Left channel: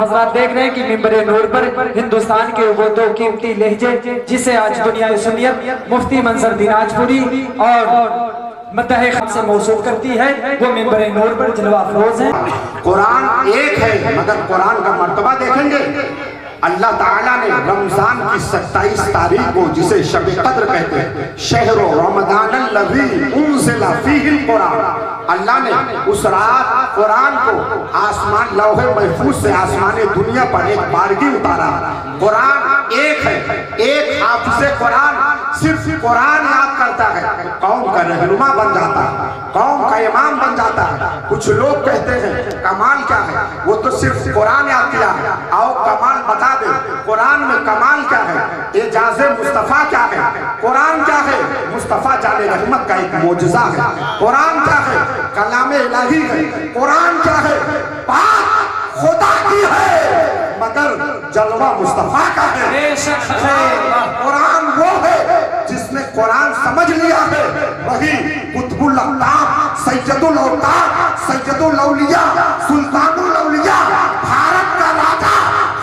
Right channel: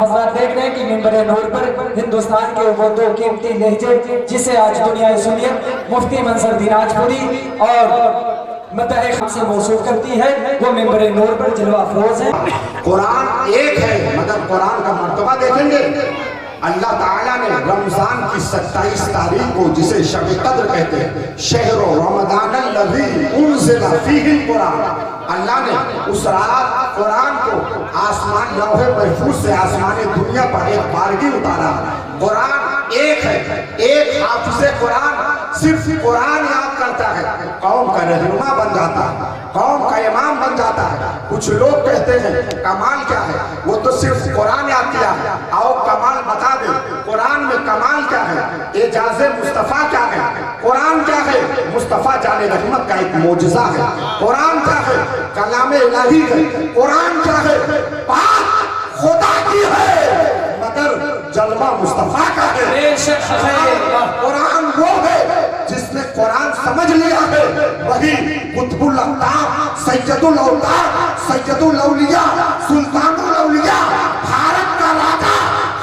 حضرات دیکھ رہے ہیں کہ منبر نور پر ہندوستان کے وہ دو قیمتی لہجے جسے آج دنیا سنیت مفتی منظر دیناج پوری اور مدح خام سے موصول کرتی ہے، وہ منبر نور پر جلوہ افروز ہیں۔ قرآن ایک ہے مگر قرآن کا مرتبہ دیکھیں گے۔ اللہ تعالیٰ نے رمضان کی 27 تاریخ کو جسے شب قدر کہتے ہیں، شہر رمضان الذی انزل فیہ القرآن، اللہ نے اس رات قرآن کو آسمان لوح محفوظ سے آسمان دنیا پر ایک بارگی اتارا۔ قرآن ایک ہے، ایک حافظ قرآن صرف قرآن یاد کرتا ہے، قوم کا رہنما بن جاتا ہے، قوم کا امام بن جاتا ہے۔ کچھ لوگ کہتے ہیں کمال کیا ہے، وہ تو صرف قرآن یاد کیا ہے، آؤ کمال بتا دیں۔ قرآن میں کمال کیا ہے، اعجاز مصطفیٰ کیا ہے، قرآن کیا ہے، مصطفیٰ جان رحمت کا ایک معجزہ ہے۔ قرآن کیا ہے، کلام الہی ہے۔ قرآن کیا ہے، پاک خدا کی ہے مگر جلوہ مصطفیٰ کا ہے۔ قرآن وہ ہے جس نے قرآن سمجھ لیا ہے، وہی قطب الاقطاب، سید الاوطاد، سید الاولیاء، سلطان الاولیاء، بھارت کا راجا،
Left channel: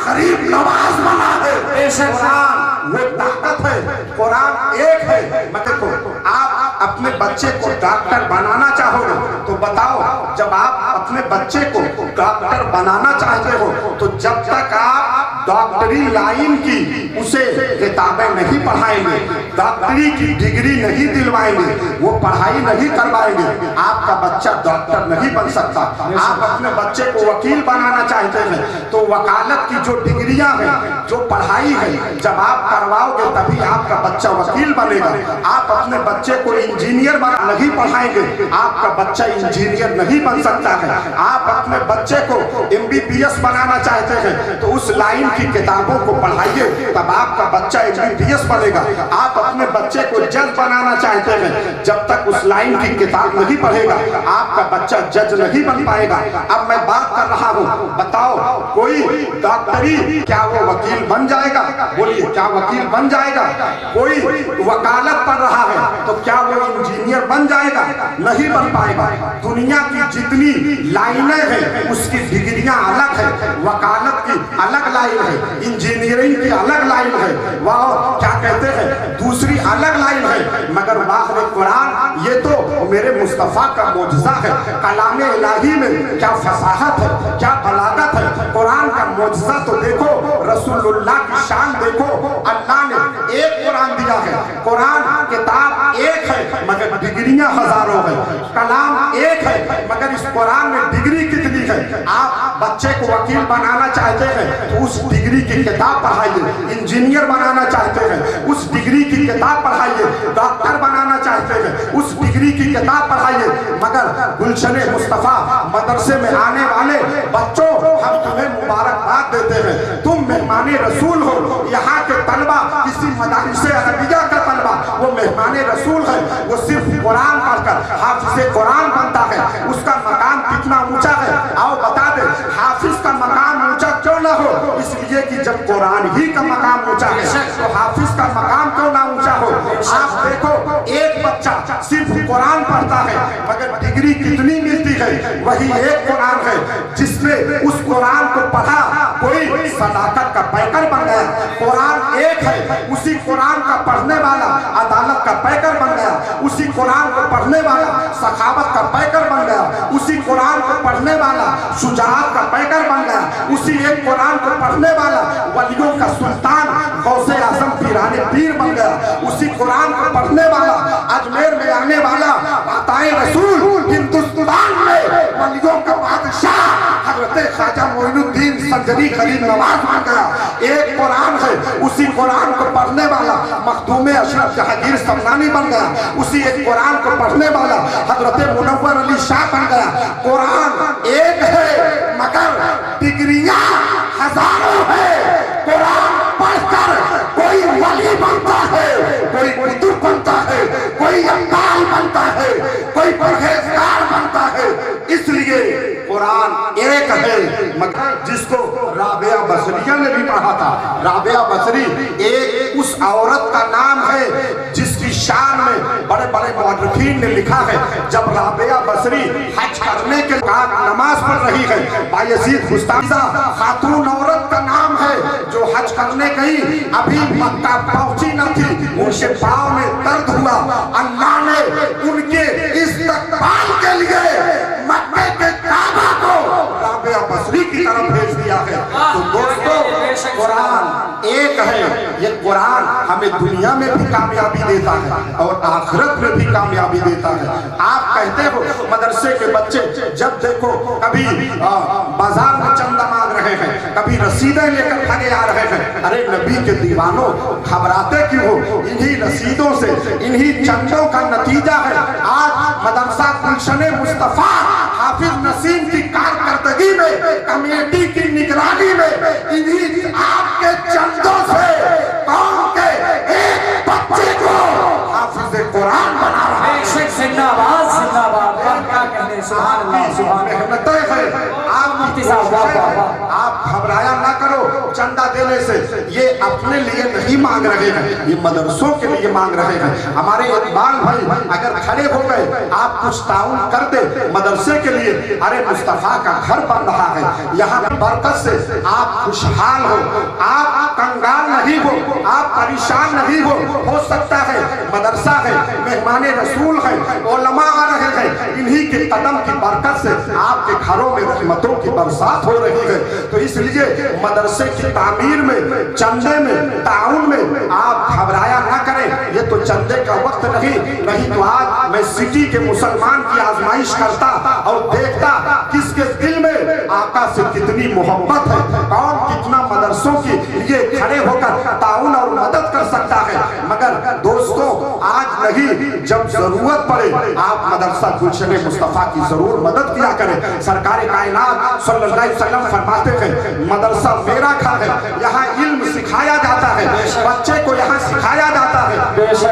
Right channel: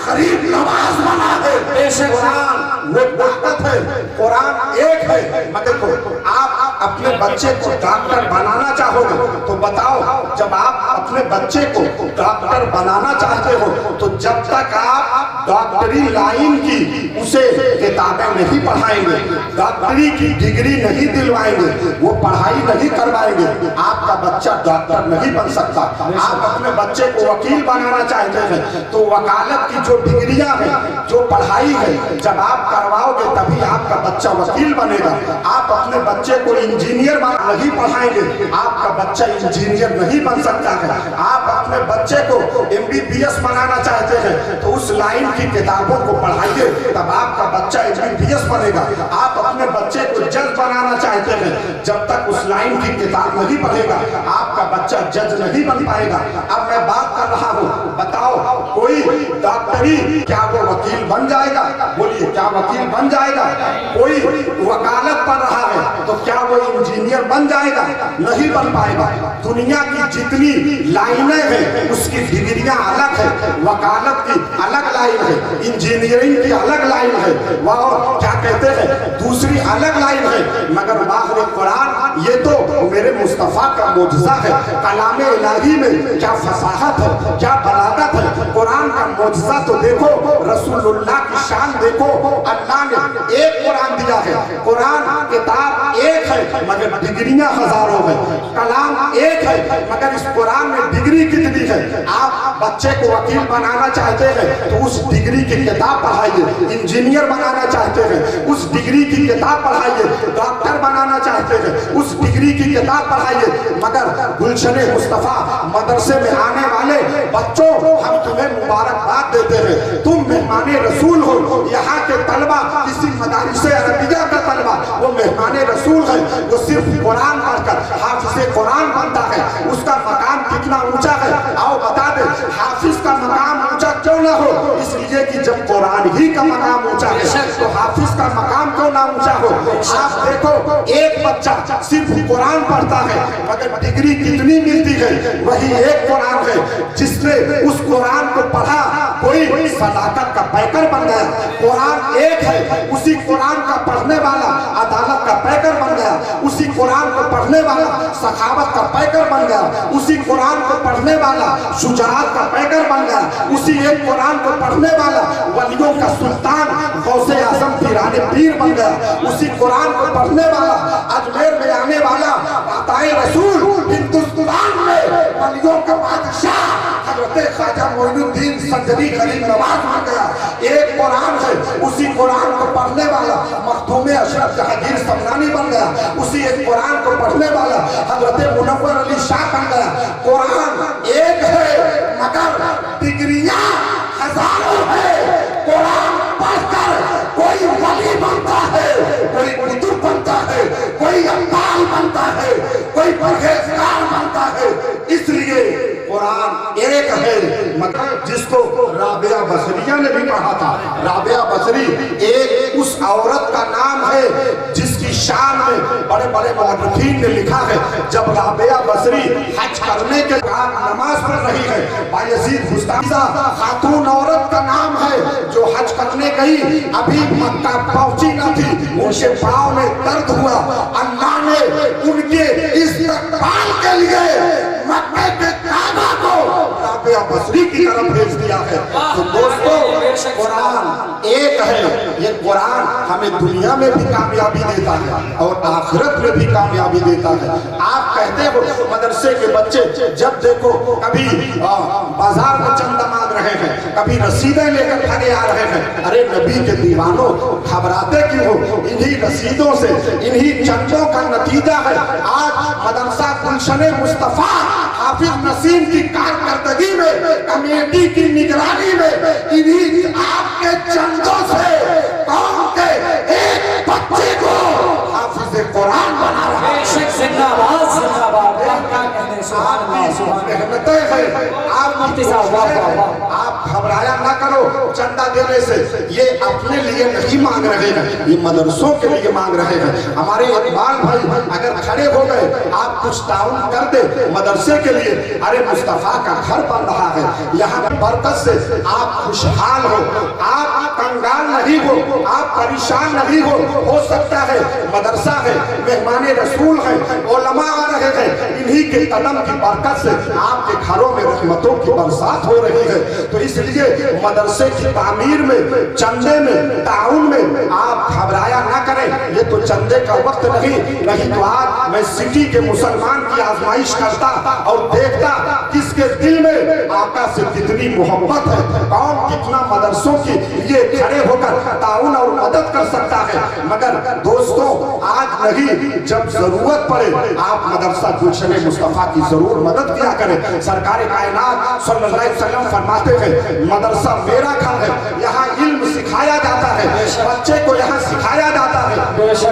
غریب نواز بنا ہے۔ قرآن وہ طاقت ہے، قرآن ایک ہے مگر کو آپ اپنے بچے کو ڈاکٹر بنانا چاہو گے تو بتاؤ، جب آپ اپنے بچے کو ڈاکٹر بنانا چاہتے ہو تو جب تک آپ ڈاکٹری لائن کی اسے کتابیں نہیں پڑھائیں گے، ڈاکٹری کی ڈگری نہیں دلوائیں گے، وہ پڑھائی نہیں کروائیں گے، آپ کا بچہ ڈاکٹر نہیں بن سکتا۔ آپ اپنے بچے کو وکیل بنانا چاہتے ہیں تو وکالت کی جو ڈگریاں ہیں، جو پڑھائی ہے، جب آپ کرواؤ گے تبھی آپ کا بچہ وکیل بنے گا۔ آپ اپنے بچے کو انجینئر نہیں پڑھائیں گے، آپ کا بچہ انجینئر نہیں بن سکتا ہے۔ آپ اپنے بچے کو MBBS بنانا چاہتے ہیں تو اس لائن کی کتابوں کو پڑھائیے، تب آپ کا بچہ MBBS بنے گا۔ آپ اپنے بچے کو جج بنانا چاہتے ہیں، جب تک اس لائن کی کتاب نہیں پڑھے گا آپ کا بچہ جج نہیں بن پائے گا۔ اب میں بات کر رہا ہوں، بتاؤ کوئی ڈاکٹری کیا وہ وکیل بن جائے گا؟ بولیے کیا وکیل بن جائے گا؟ کوئی وکالت پڑھ رہا ہے تو کیا وہ انجینئر بن جائے گا؟ نہیں بن پائے گا۔ دنیا کی جتنی لائنیں ہیں اس کی ڈگریاں الگ ہیں، وکالت کی الگ لائن ہے، انجینئرنگ کی الگ لائن ہے، وہ کیا کہتے ہیں دوسری الگ لائن ہے، مگر باہر قرآن یہ تو میرے مصطفیٰ کا معجزہ ہے۔ کلام الہی میں کیا فصاحت ہے، کیا بلاغت ہے۔ قرآن کا معجزہ تو دیکھو، رسول اللہ کی شان دیکھو۔ اللہ نے ایک قرآن دیا ہے، قرآن کتاب ایک ہے مگر ڈگریاں ہزاروں ہیں، کلام ایک ہے مگر اس قرآن میں ڈگری کتنی ہے۔ آپ بچے کو وکیل بنانا چاہتے ہیں تو اس ڈگری کی کتاب پڑھائیے، انجینئر بنانا چاہتے ہیں اس ڈگری کی کتاب پڑھائیے، ڈاکٹر بنانا چاہتے ہیں اس ڈگری کی کتاب پڑھائیے۔ مگر گلشن مصطفیٰ مدرسے میں آنے والے بچوں، ہم تمہیں مبارکباد دیتے ہیں، تم مہمان رسول ہو۔ یہاں کے طلبہ کسی مدارس عربیہ کا طلبہ وہ مہمان رسول ہے، وہ صرف قرآن پڑھ کر حافظ قرآن بنتا ہے، اس کا مقام کتنا اونچا ہے آؤ بتا دیں۔ حافظ کا مقام اونچا کیوں نہ ہو؟ اس لیے کہ جب قرآن ہی کا مقام اونچا ہے تو حافظ کا مقام کیوں نہ اونچا ہو؟ آپ دیکھو ایک بچہ صرف قرآن پڑھتا ہے مگر ڈگری کتنی ملتی ہے؟ وہی ایک قرآن ہے جس نے اس قرآن کو پڑھا، کوئی صداقت کا پیکر بن گیا۔ قرآن ایک ہے، اسی قرآن کا پڑھنے والا عدالت کا پیکر بن گیا، اسی قرآن کو پڑھنے والا سخاوت کا پیکر بن گیا، اسی قرآن کو پڑھنے والا شجاعت کا پیکر بن گیا، اسی ایک قرآن کو پڑھنے والا ولیوں کا سلطان غوث اعظم پیران پیر بن گیا، اسی قرآن کو پڑھنے والا اجمیر میں آنے والا عطائے رسول ہندوستان میں ولیوں کا بادشاہ حضرت خواجہ معین الدین سنجری غریب نواز بن گیا۔ ایک قرآن ہے، اسی قرآن کو پڑھنے والا مخدوم اشرف جہانگیر سمنانی بن گیا، اسی ایک قرآن کو پڑھنے والا حضرت منور علی شاہ بن گیا۔ قرآن ایک ہے مگر ڈگریاں ہزاروں ہیں۔ قرآن پڑھ کر کوئی ولی بنتا ہے، کوئی قطب بنتا ہے، کوئی ابدال بنتا ہے، کوئی پرہیزگار بنتا ہے۔ اس لیے قرآن ایک ہے مگر جس کو رابعہ بصریہ نے بھی پڑھا تھا۔ رابعہ بصری ایک اس عورت کا نام ہے جس کی शान में बड़े बड़े मुअर्रिखीन ने लिखा है, जब राबिया बसरी हज करने के बाद नमाज पढ़ रही है, बायजीद बुस्तामी खातून औरत का नाम है जो हज करने गई, अभी मक्का पहुंची न थी, उनके पाँव में दर्द हुआ, अल्लाह ने उनके इस्तकबाल के लिए मक्के के काबा को राबिया बसरी की तरफ भेज दिया है। तो दोस्तों, कुरान एक है, ये कुरान हमें दुनिया में भी कामयाबी देता है और आखिरत में भी कामयाबी देता है। आप कहते हो मदरसे के बच्चे जब देखो कभी बाजार में चंदा मांग रहे हैं, कभी रसीदें लेकर भागे आ रहे हैं। अरे नबी के दीवानों, घबराते क्यों हो? इन्हीं रसीदों से, इन्हीं चंदों का नतीजा है आज मदरसा गुलशन मुस्तफा हाफिज नसीम की कारकर्दगी में, कमेटी की निगरानी में, इन्हीं आपके चंदों से कौम के एक बच्चे को हाफिज कुरान बना रहा है। जिंदाबाद जिंदाबाद, क्या कहने, सुभान अल्लाह सुभान अल्लाह। आप घबराया ना करो चंदा देने से, ये अपने लिए नहीं मांग रहे हैं, ये मदरसों के लिए मांग रहे हैं। हमारे इकबाल भाई अगर खड़े हो गए, आप कुछ ताउन कर दे मदरसे के लिए, अरे मुस्तफा का घर बन रहा है, यहाँ बरकत से आप खुशहाल हो, आप कंगाल नहीं हो, आप परेशान नहीं हो सकता है मदरसा है, मेहमाने रसूल है, उलमा आ रहे हैं, इन्हीं के कदम की बरकत से आपके घरों में रहमतों की बरसात हो रही है। तो इसलिए मदरसे की तामीर में, चंदे में, ताउन में आप घबराया ना करें। ये तो चंदे का वक्त नहीं तो आज मैं सिटी के मुसलमान की आजमाइश करता और देखता किसके दिल में आका से कितनी मोहब्बत है, कौन कितना मदरसों की ये खड़े होकर ताउन और मदद कर सकता है। मगर दोस्तों, आज नहीं, जब जरूरत पड़े आप मदरसा गुलशन मुस्तफा की जरूर मदद किया करें। सरकार कायनात सल्लल्लाहु अलैहि वसल्लम फरमाते हैं, मदरसा मेरा घर है, यहाँ इल्म सिखाया जाता है, बच्चे को यहाँ सिखाया जाता है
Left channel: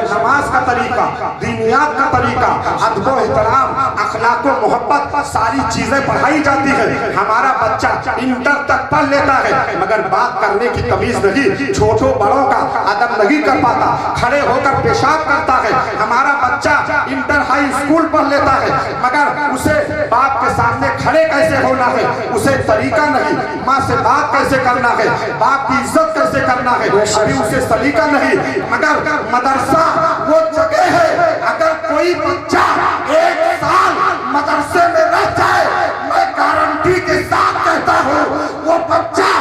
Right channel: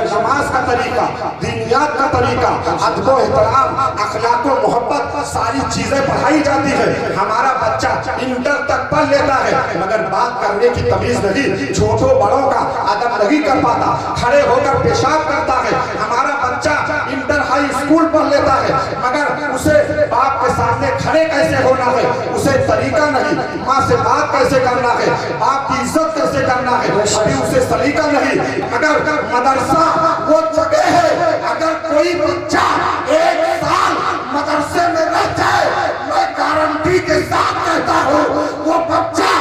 नमाज का तरीका, दीनियात का तरीका, अदब व एहतराम, अखलाक व मोहब्बत, सारी चीजें पढ़ाई जाती है। हमारा बच्चा इंटर तक पढ़ लेता है, मगर बात करने की तमीज नहीं, छोटों बड़ों का अदब नहीं कर पाता, खड़े होकर पेशाब करता है। हमारा बच्चा इंटर हाई स्कूल पढ़ लेता है, मगर उसे बाप के सामने खड़े कैसे होना है उसे तरीका नहीं, माँ से बात कैसे करना है, बाप की इज्जत कैसे करना है अभी उसे सलीका नहीं। मगर मदरसा वो जगह है, अगर कोई बच्चा एक साल मदरसे में रह जाए, मैं गारंटी के साथ कहता हूँ वो बच्चा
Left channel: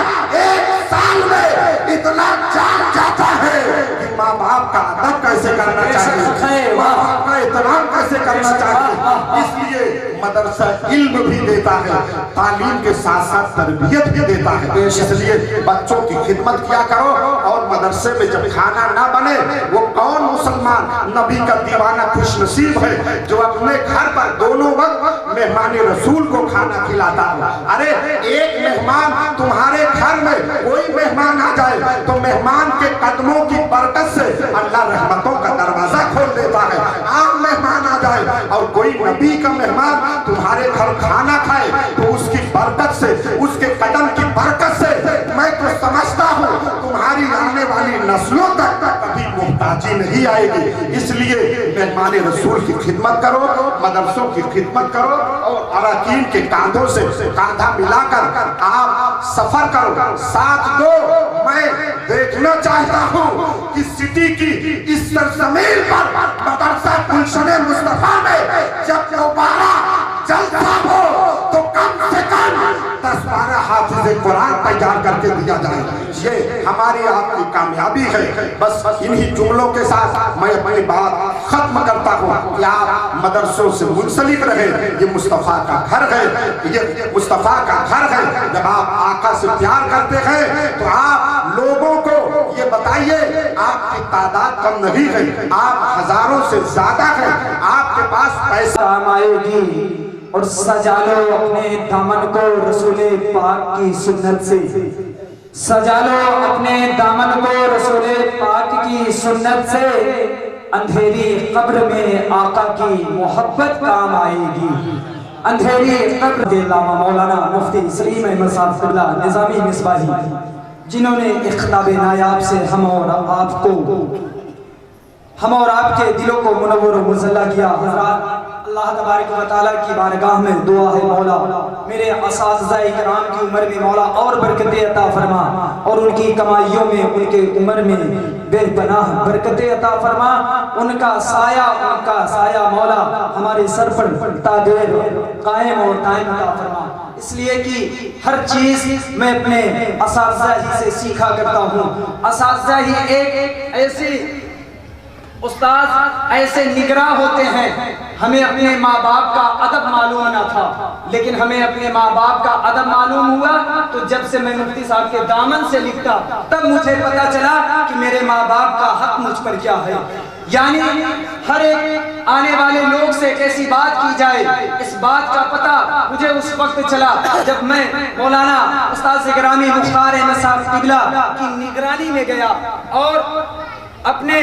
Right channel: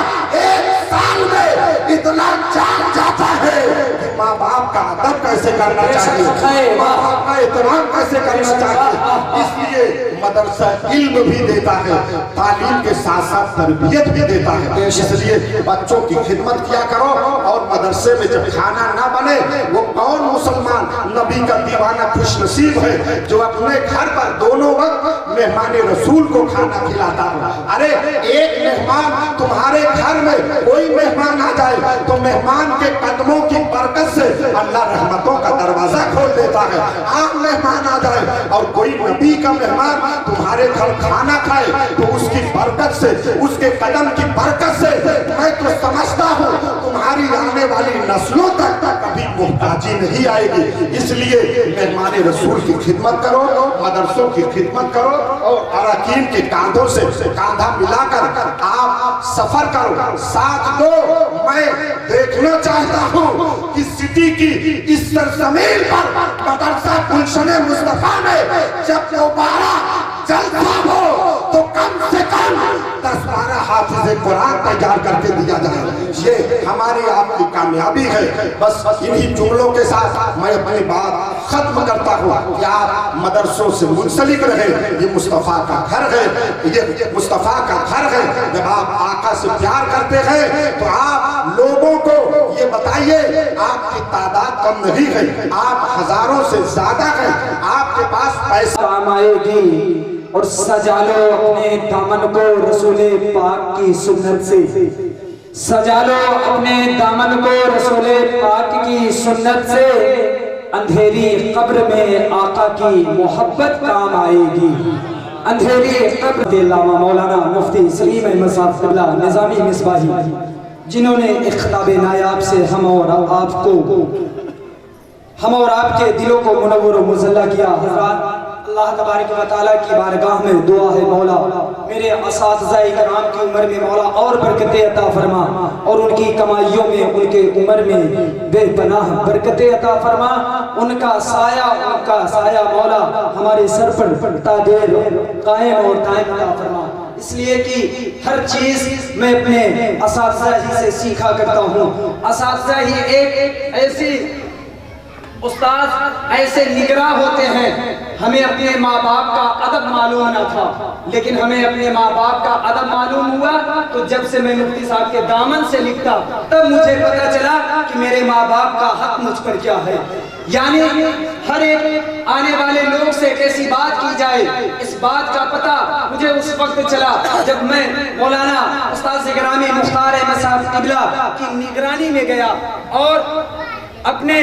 एक साल में इतना जान जाता है कि माँ बाप का अदब कैसे करना चाहिए, माँ बाप का एहतराम कैसे करना चाहिए। इसलिए मदरसा इल्म भी देता है, तालीम के साथ साथ तरबियत भी देता है। इसलिए बच्चों की खिदमत किया करो। और मदरसे में जब खाना ना बने, वो कौन मुसलमान नबी का दीवाना खुशनसीब है जो अपने घर पर दोनों वक्त मेहमान रसूल को खाना खिलाता है। अरे एक मेहमान तुम्हारे घर में कोई मेहमान आ जाए तो मेहमान के कदमों की बरकत से अल्लाह रहमतों का दरवाजा खोल देता है। आम मेहमान आ जाए और कोई नबी का मेहमान तुम्हारे घर खाना खाए तो उसकी बरकत से, उसके कदम की बरकत से मैं तो समझता हूँ तुम्हारी आने वाली नस्लों तक कभी मुहताजी नहीं आएगी। इसलिए मेहमान रसूल की खिदमत करो, मदरसों की खिदमत करो और अरकान के कांधों से कांधा मिलाकर आप सफर करो, साथ दो। मैं देखना चाहता हूँ कि सिटी की इस सरजमीन पर मदरसा गुलशन मुस्तफा में जब दोबारा जलसा हो तो कम से कम 10-12 हाफिज़ कुरान तैयार करके दिया जाए। ये हमारी आपकी कामयाबी है। बस इन्हीं जुमलों के साथ मैं अपनी बात खत्म करता हूँ कि आप मदरसों से मुंसलिक रहे। ये मुस्तफ़ा का घर है, ये मुस्तफ़ा का घर है। जब आप आका से प्यार करते हैं तो आप लोगों को ये बताइए, आपकी तादाद कम नहीं है, आप हजारों से ज्यादा है, आपके पास पैसा काम आएगी। और सजा लो अपने दामन को रसूले पाक की सुन्नत से, सजा लो अपने दामन को रसूले पाक की सुन्नत से। अंधेरी कब्र में आका की मोहब्बत काम आएगी। अंधेरी कब्र के अलावा मौलाना मुफ्ती सलीम अहमद साहब निजामी मिसबाही, जिन्होंने इख्ताब नायाब से हम और आपको हम और आपके दिलों को मुनव्वर और मुज़ल्ला किया। हज़रात, अल्लाह तबारक व तआला की बारगाह में दुआ है, मौला मेरे असातिज़ा किराम की उम्र में मौला और बरकतें अता फरमा, और उनकी कमाइयों में, उनके उम्र में बेपनाह बरकतें अता फरमा। उनका साया मौला हमारे सर पर तादेर कायम और दायम अता फरमा। इसलिए कि हर चीज़ मैं अपने असातिज़ा ही से सीखा करता हूँ। असातिज़ा ही एक ऐसी उस्ताद ऐसे निगरां होते हैं। हमें अपने माँ बाप का अदब मालूम न था, लेकिन हमें अपने माँ बाप का अदब मालूम हुआ तो जब से मैं मुफ्ती साहब के दामन से लिखता तब मुझे पता चला कि मेरे माँ बाप का हक मुझ पर क्या है। यानी हर एक आने वाले लोग से कैसी बात की जाए, इस बात का पता मुझे उस वक्त चला जब मैं मौलाना उस्ताद गिरामी मुख्तार अहमद साहब क़िबला की निगरानी में गया। और अपने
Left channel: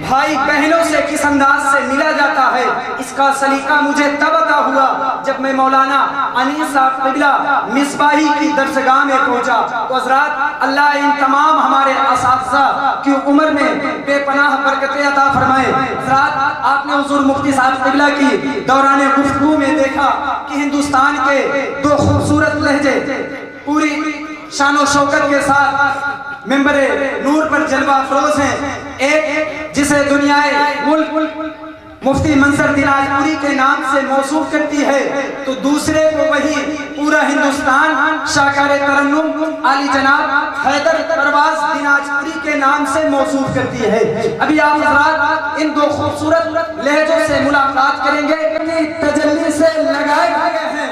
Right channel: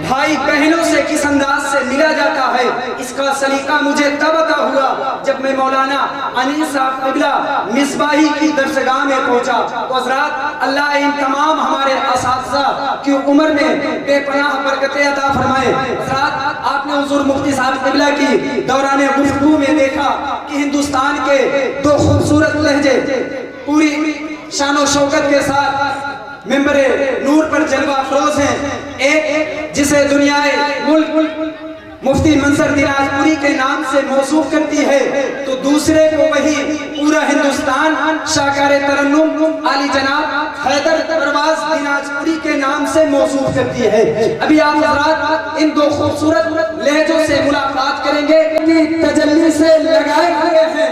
भाई बहनों से किस अंदाज से मिला जाता है, इसका सलीका मुझे तब अता हुआ जब मैं मौलाना अनीस साहब क़िबला मिसबाही की दरसगाह में पहुंचा। तो हज़रात, अल्लाह इन तमाम हमारे असातिज़ा की उम्र में बेपनाह बरकतें अता फरमाए। हज़रात, आपने हुज़ूर मुफ्ती साहब क़िबला की दौरान गुफ्तगू में देखा कि हिंदुस्तान के दो खूबसूरत लहजे पूरी शान व शौकत के साथ मिंबरे नूर पर जलवा अफरोज हैं। एक जिसे दुनियाए मुल्क मुफ्ती मंजर दिनाजपुरी के नाम से मौसूफ करती है, तो दूसरे को वही पूरा हिंदुस्तान शाकार तरन्नुम आली जनाब हैदर परवाज दिनाजपुरी के नाम से मौसूफ करती है। अभी आप हज़रात इन दो खूबसूरत लहजों से मुलाकात करेंगे कि तजल्ली से लगाए गए हैं,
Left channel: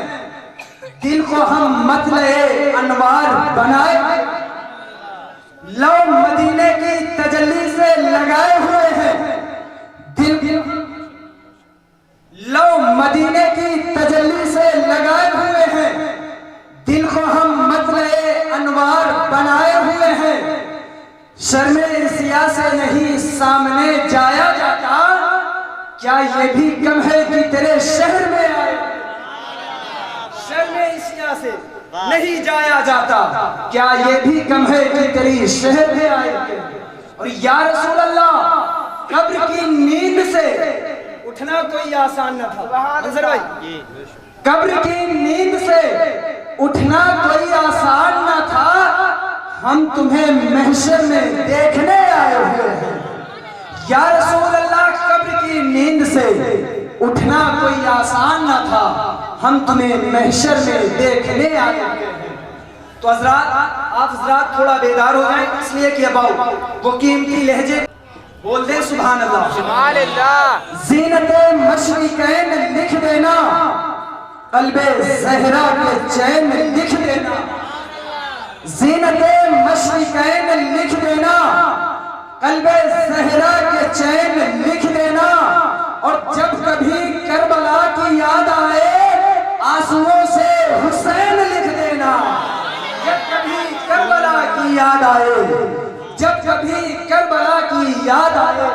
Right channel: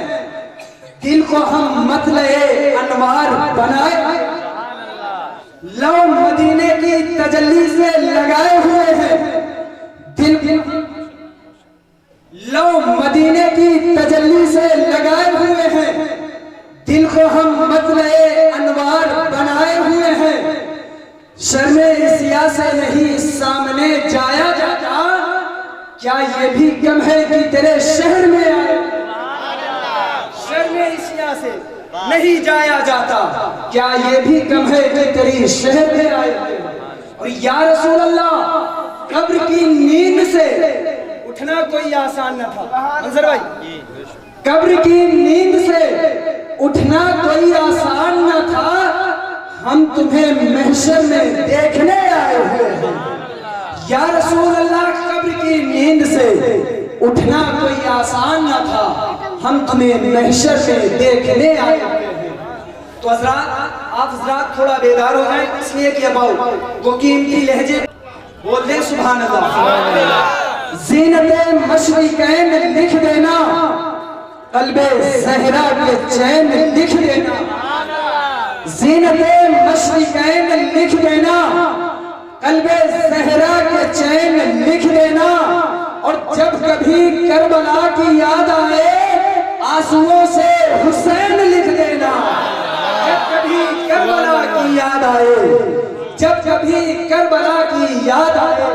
दिल को हम मतले अनवार बनाए, लो मदीने की तजल्ली से लगाए हुए हैं, दिल लो मदीने की तजल्ली से लगाए हुए हैं, दिल को हम मतले अनवार बनाए हुए हैं। शर्मे सिया से नहीं सामने जाया जाता, क्या ये भी कम है कि तेरे शहर में आए। शर्मे सिया से नहीं जाया जाता, क्या ये भी कम है कि तेरी शहर में आए। और या रसूल अल्लाह, कब्र की नींद से उठना कोई आसान न था। मंजर भाई, कब्र की नींद से उठना कोई आसान न था, हम तुम्हें महशर में देखने आए हुए हैं। या रसूल अल्लाह, कब्र की नींद से उठना कोई आसान न था, हम तुम्हें महशर में देखने आए हुए हैं। तो हज़रात, आप हज़रात थोड़ा बेदार हो जाएं, इसलिए कि अब वो कीमती लहजे बोल दें सुभान अल्लाह। ज़ीनते मशरिकैन लिख देना, क़ल्बे ज़हरा के चैन लिख देना। ज़ीनते मशरिकैन लिख देना, क़ल्बे ज़हरा के चैन लिख देना। और जब कभी करबला की याद आए, आंसुओं से हुसैन लिख देना। जब कभी करबला की याद आए, जब कभी करबला की याद आए,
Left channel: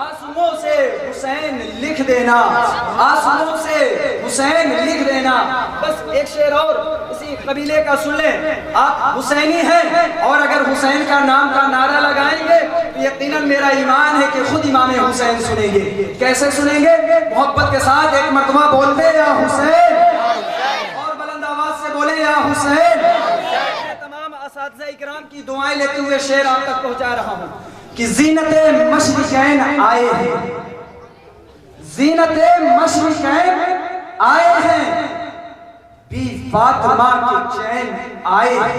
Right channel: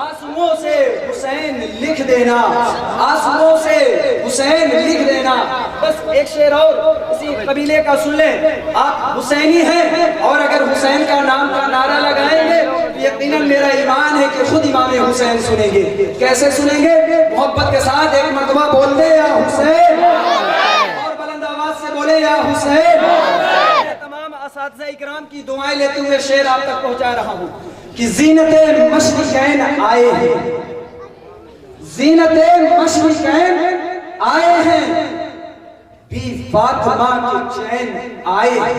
आंसुओं से हुसैन लिख देना, आंसुओं से हुसैन लिख देना। बस एक शेर और इसी कबीले का सुन लें। आप हुसैनी हैं और अगर हुसैन का नाम का नारा लगाएंगे तो यकीनन मेरा ईमान है कि खुद इमाम हुसैन सुनेंगे। कैसे सुनेंगे? मोहब्बत के साथ एक मरतबा बोलते या हुसैन, और बुलंद आवाज से बोले या हुसैन। तमाम असातिज़ा इकराम की दुआएं लेते हुए शेर आप तक पहुंचा रहा हूं कि ज़ीनते मशरिकैन आए हैं, ज़ीनते मशरिकैन आए हैं, बी फातिमा के चैन आए हैं।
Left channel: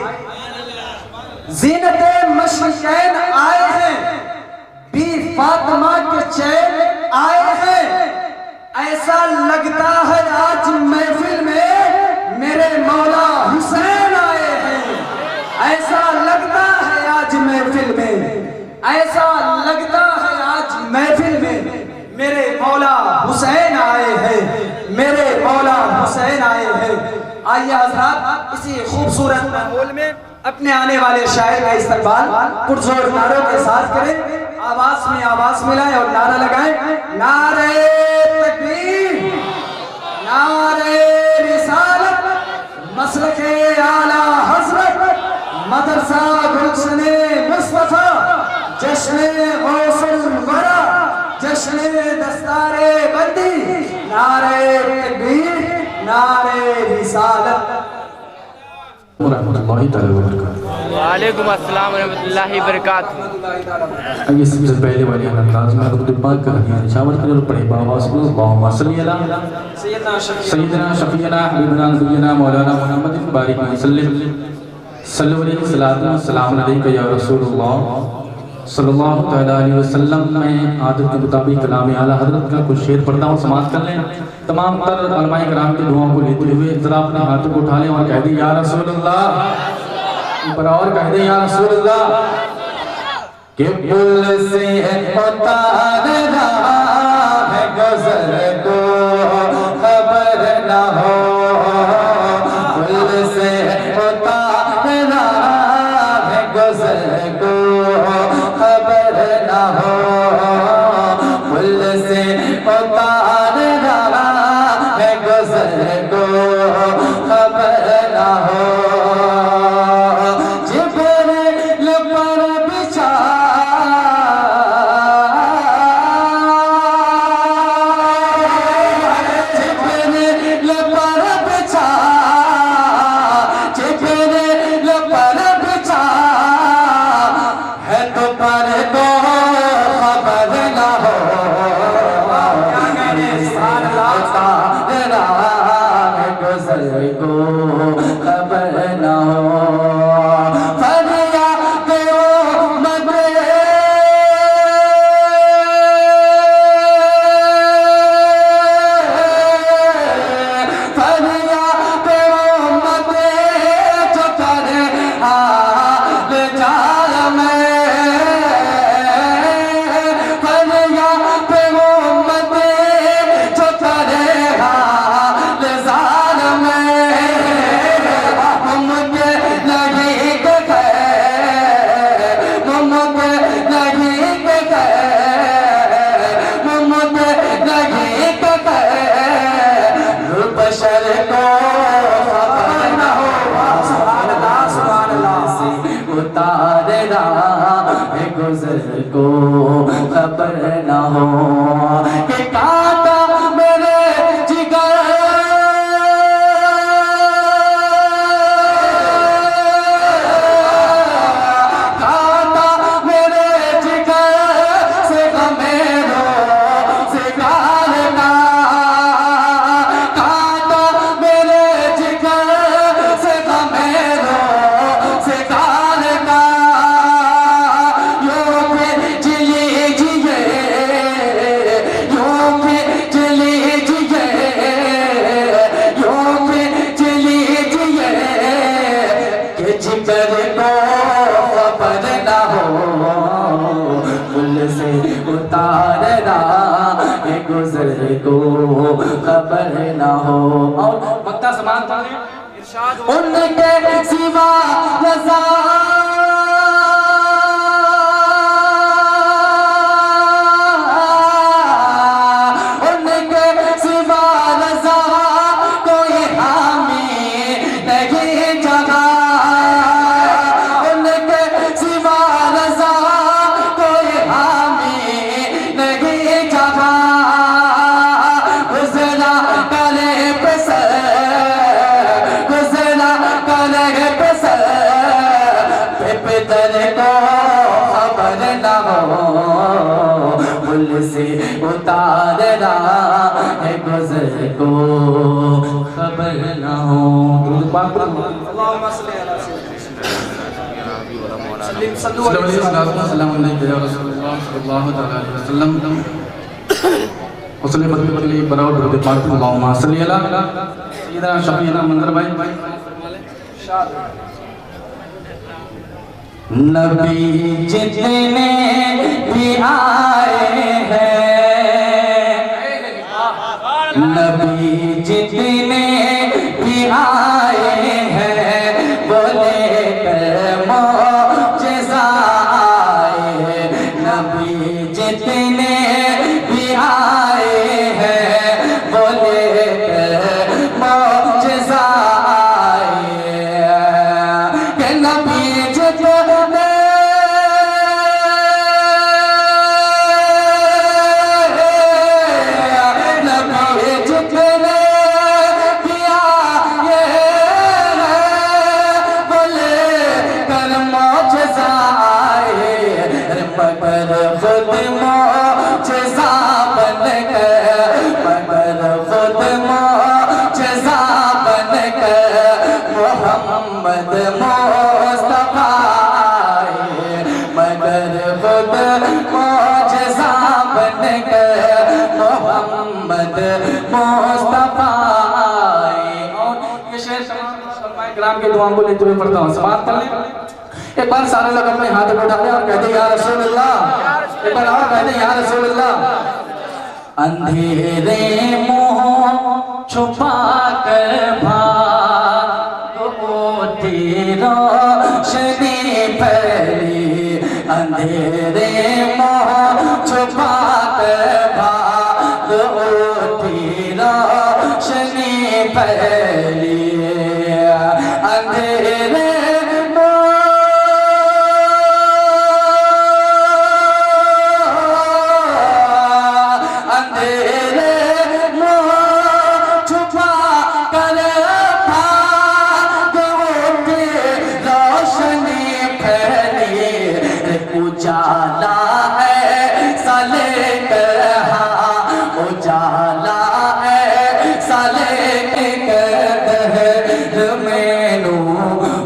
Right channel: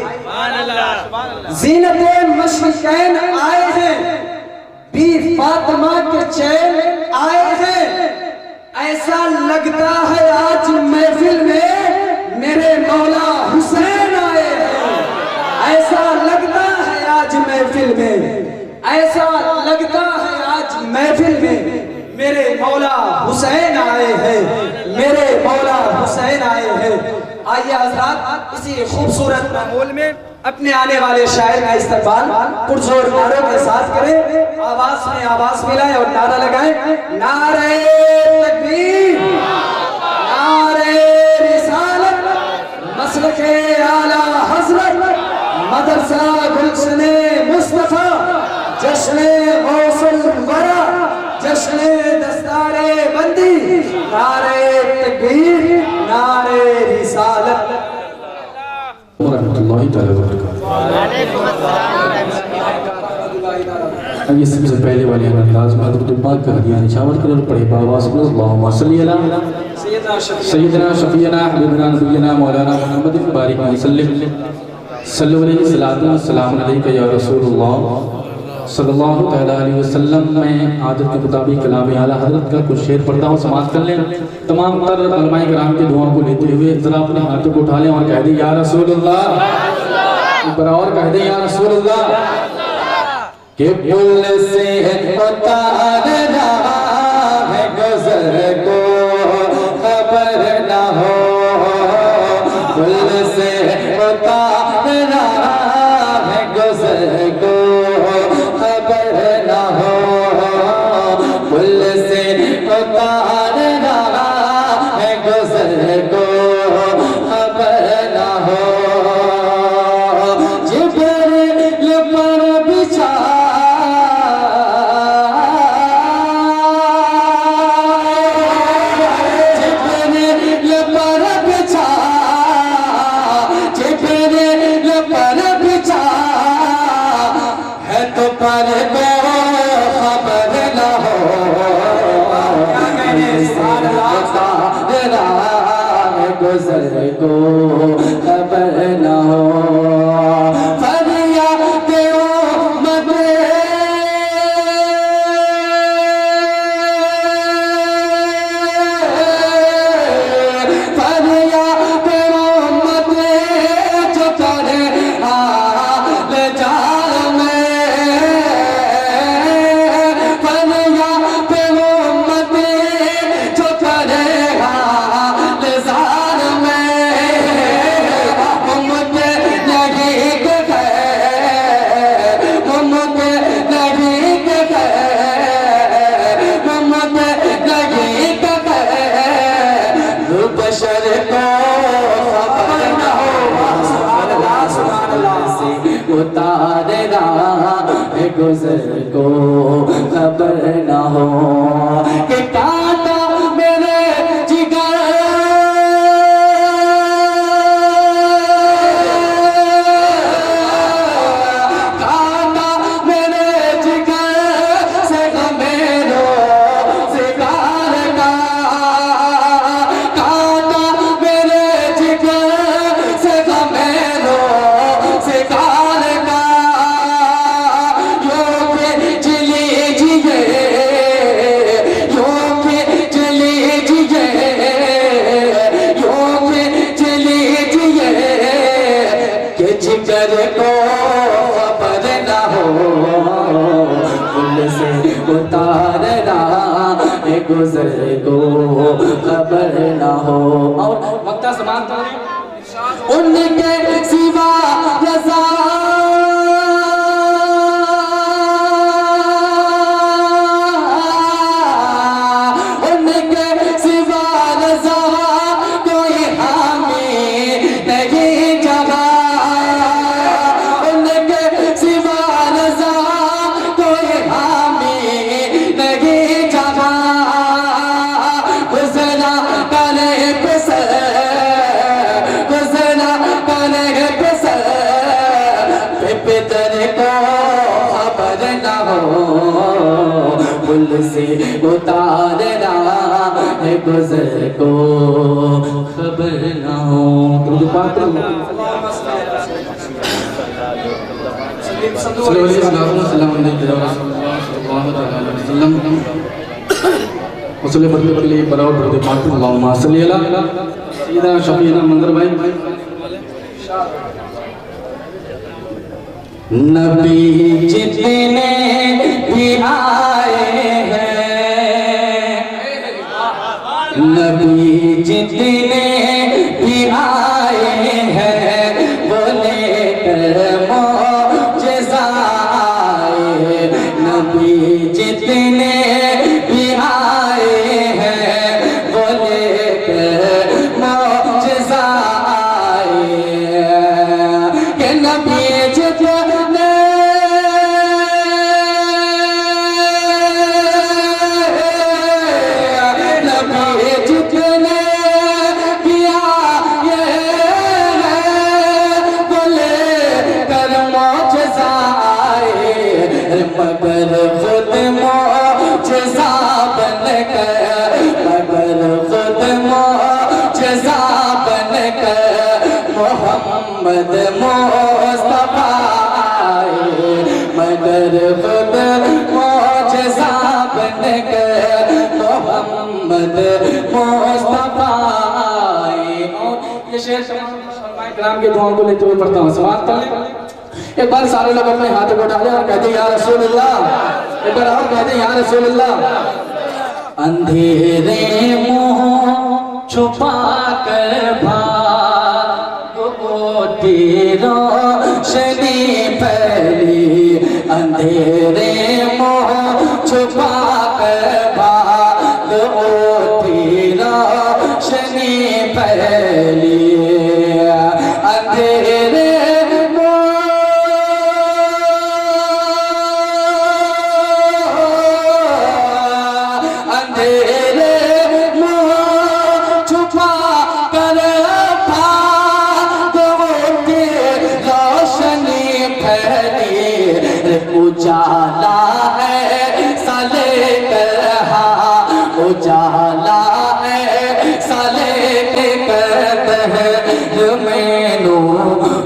ज़ीनते मशरिकैन आए हैं, बी फातिमा के चैन आए हैं। ऐसा लगता है आज महफिल में मेरे मौला हुसैन आए हैं। ऐसा लगता है आज महफिल में, ऐसा लगता है आज महफिल में मेरे मौला हुसैन आए हैं, मेरे मौला हुसैन आए हैं। आइए हज़रात, इसी खूबसूरत माहौल में अपने आने वाले शायर का इस्तकबाल पुरजोर नारों के साथ करें। आवाज में आवाज मिलाएं और नारा लगाएं। नारे तकबीर, नारे रिसालत, मसलके आला हज़रत, मदरसा गुलशने मुस्तफा, जश्ने गौसुल वरा, दस्तारे बंदी, नारे तकबीर, नारे रिसालत। रहमतुल्लाहि तआला व बरकातहू। वालेकुम अस्सलाम व रहमतुल्लाहि व बरकातहू। आइए सबसे पहले वाले अंदाज में दुरूद पाक का हदिया निशावर करें और पढ़े बावाज़ में अल्लाहुम्मा सल्ली अला सय्यिदना शफीना हबीबना नबीना मौलाना मुहम्मद बारिक वसल्लम सल्लल्लाहु अलैहि वसल्लम अलैका या रसूलुल्लाह सल्लल्लाहु तआला अलैहि वसल्लम। मैं आदत के मुताबिक कलाम आला हज़रत का कुछ शेर पढ़ता हूँ, समाअत कर लें। तमाम तर उलमाए किराम की दुआओं को लेते हुए ज़रा अपने हाथों को उठा लें और कह दें या रसूलुल्लाह, और कह दें या रसूलुल्लाह। कि पुल से उतारना है गुज़र को खबर न हो, पुल से उतारना है गुज़र को खबर न हो, पुल से उतारना है गुज़र को खबर न हो। जिब्रील पर बिछा गुज़र को खबर न हो, फरियाद उम्मत फरियाद उम्मत जो करे हाल जाल में, फरियाद उम्मत जो करे हाल जाल में, मुझे नहीं दिखे, मुझे नहीं दिखे, मुझे नहीं दिखे, बशर को खबर न हो, सुभान अल्लाह सुभान अल्लाह, से उतारना है गुज़र को खबर न हो, कि कांटा मेरे जिगर गुज़र को खबर न हो। और वक्ता समान उनके सिवा रज़ा उनके सिवा रज़ा कोई हामी नहीं जगा, उनके सिवा रज़ा कोई हामी नहीं जगा, गुज़रा करे पसर, गुज़रा करे पसर, पितर को खबर न हो, पुल से उतारना है गुज़र को खबर न हो। दुरूद पाक नबी जितने भी आए हैं, नबी जितने भी आए हैं, बोले मौजिज़ा आए, नबी जितने भी आए हैं, बोले मौजिज़ा आए, कि नबी जितने दुआओं को लेते हुए पढ़ता हूँ, समाप्त कर लें। एक बार सारे लोग अपने हाथों को उठा लें और कहते या रसूल अल्लाह। एक बार और कहते या रसूल अल्लाह। अंधेरे मुंह छुपा कर भागो तेरा रोशनी फैली, अंधेरे मुंह छुपा कर भागो तेरा रोशनी फैली, अंधेरे उजाला है साले कहा, उजाला है साले कहते हैं मैनू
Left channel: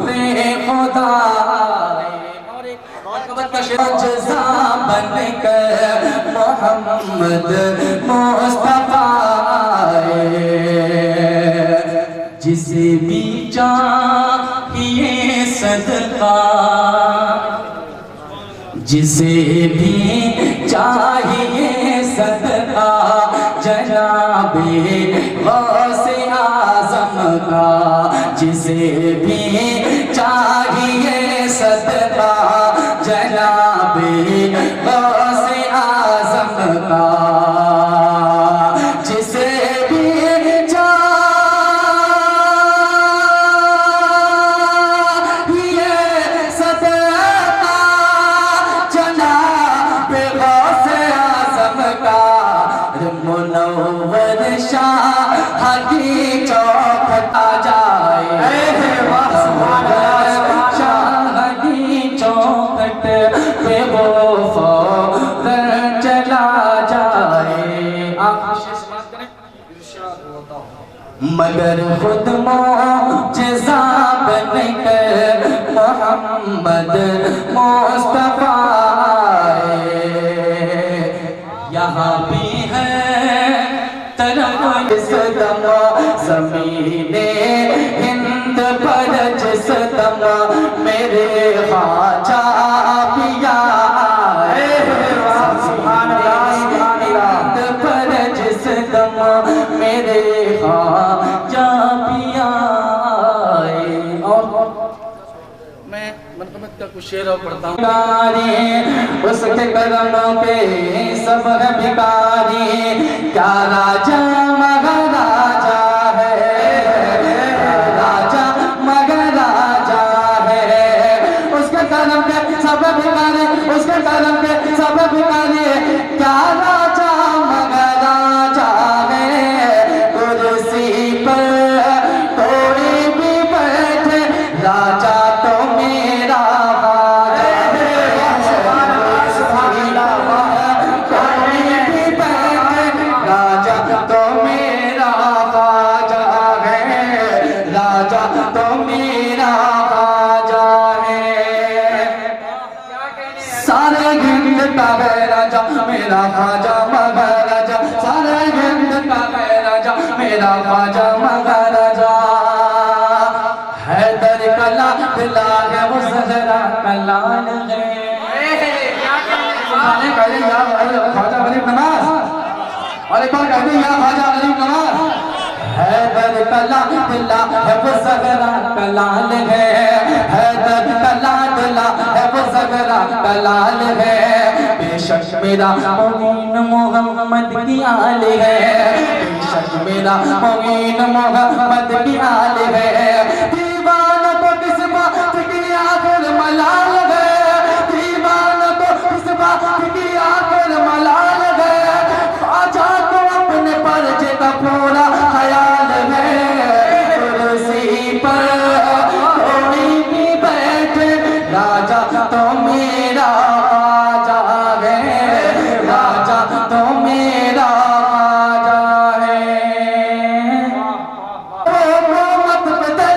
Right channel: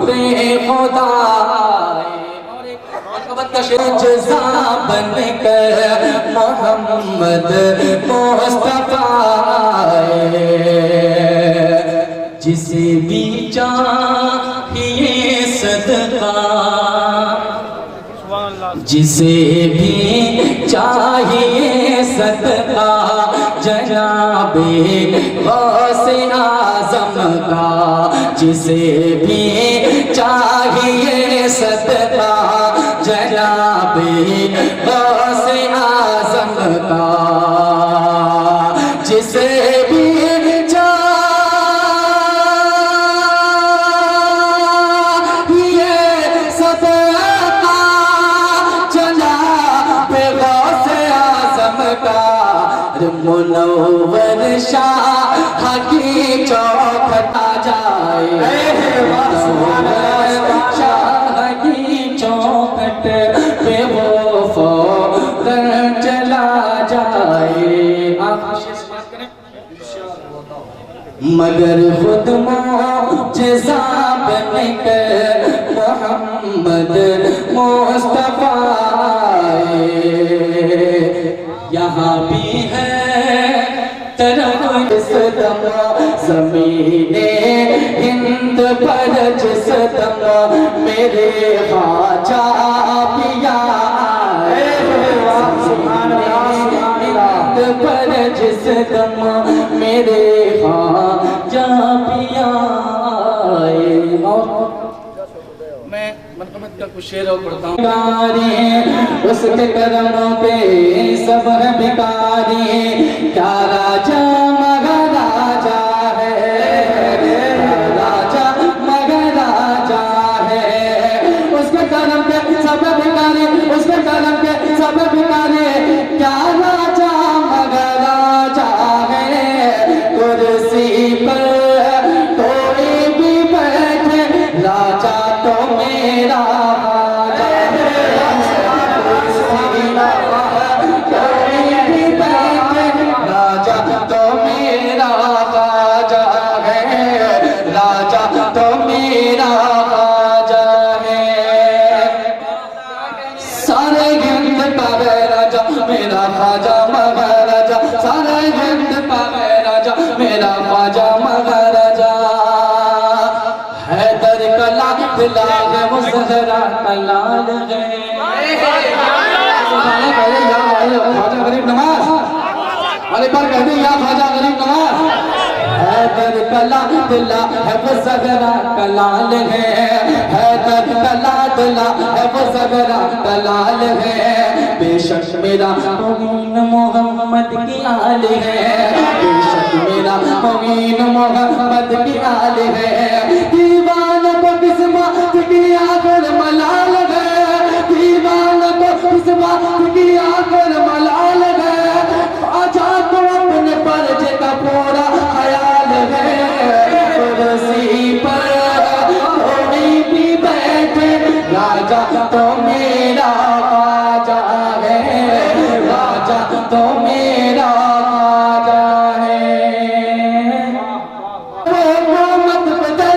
रे खुदा जज़ा बन कर मोहम्मद मुस्तफा जिसे भी चाहिए सदका, जिसे भी चाहिए सदका जनाबे गौसे आज़म का, जिसे भी चाहिए सदका जनाबे गौसे आज़म का, जिसे भी मुनव्वर शाह की चौखट आ जाए, शाह की चौखट पे वो फौरन चला जाए। मगर खुद मुअजिज़ा बनकर मोहम्मद मुस्तफा यहाँ भी है तरफ इस दम ज़मीने हिंद पर जिस दम मेरे ख्वाजा पिया हिंद पर जिस दम मेरे ख्वाजा पिया। मैं मतलब का कुछ शेर और पढ़ता हूँ। उसके करमों पे सब है भिखारी, क्या राजा मगर राजा है, राजा मगर राजा है, उसके करम पे सब भिखारी, उसके करम पे सब भिखारी, क्या राजा मगर राजा है, कुर्सी पर कोई भी बैठे राजा तो मेरा मेरा ख्वाजा महाराजा, सारे हिंद का राजा मेरा ख्वाजा महाराजा, हैदर का लाल है वो ज़हरा का लाल है। ख्वाजा गरीब नवाज वाले पर कहते हैं या ख्वाजा गरीब नवाज, हैदर का लाल है वो ज़हरा का लाल है, हैदर का लाल है वो ज़हरा का लाल है, बेशक मेरा मुगीन मोहम्मद की आल है, बेशक मेरा मुगीन मोहम्मद की आल है, दीवान को किस बात की आखिर मलाल है, दीवान को किस बात की आखिर मलाल है, ख्वाजा को अपने पर्चे का पूरा ख्याल है, कुर्सी पर कोई भी बैठे राजा तो मेरा ख्वाजा है, राजा तो मेरा ख्वाजा है। वो मत बता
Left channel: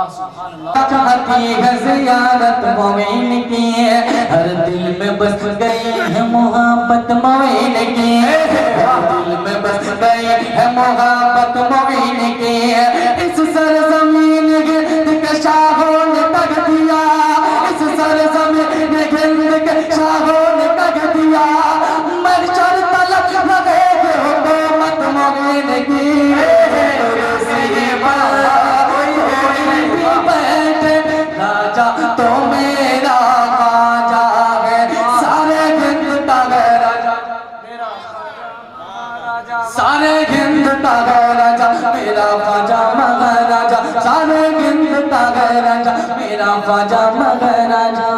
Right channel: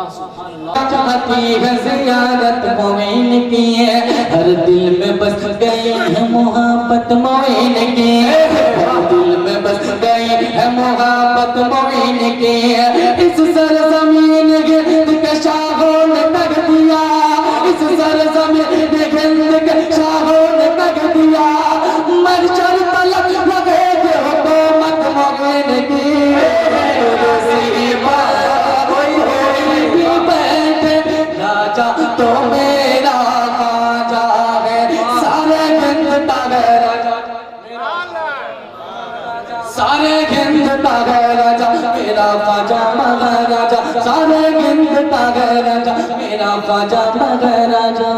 چاہتی ہے زیارت مومن کی ہر دل میں بس گئی ہے محبت مومن کی ہر دل میں بس گئی ہے محبت مومن کی اس سرزمین گرد کے شاہوں نے تک دیا اس سرزمین گرد کے شاہوں نے تک دیا محشر تلک لگے گے حکومت مومن کی تو میرا خواجہ ہے سارے ہند کا راجا سارے ہند کا راجا میرا خواجہ مہاراجا سارے ہند کا راجا میرا خواجہ مہاراجا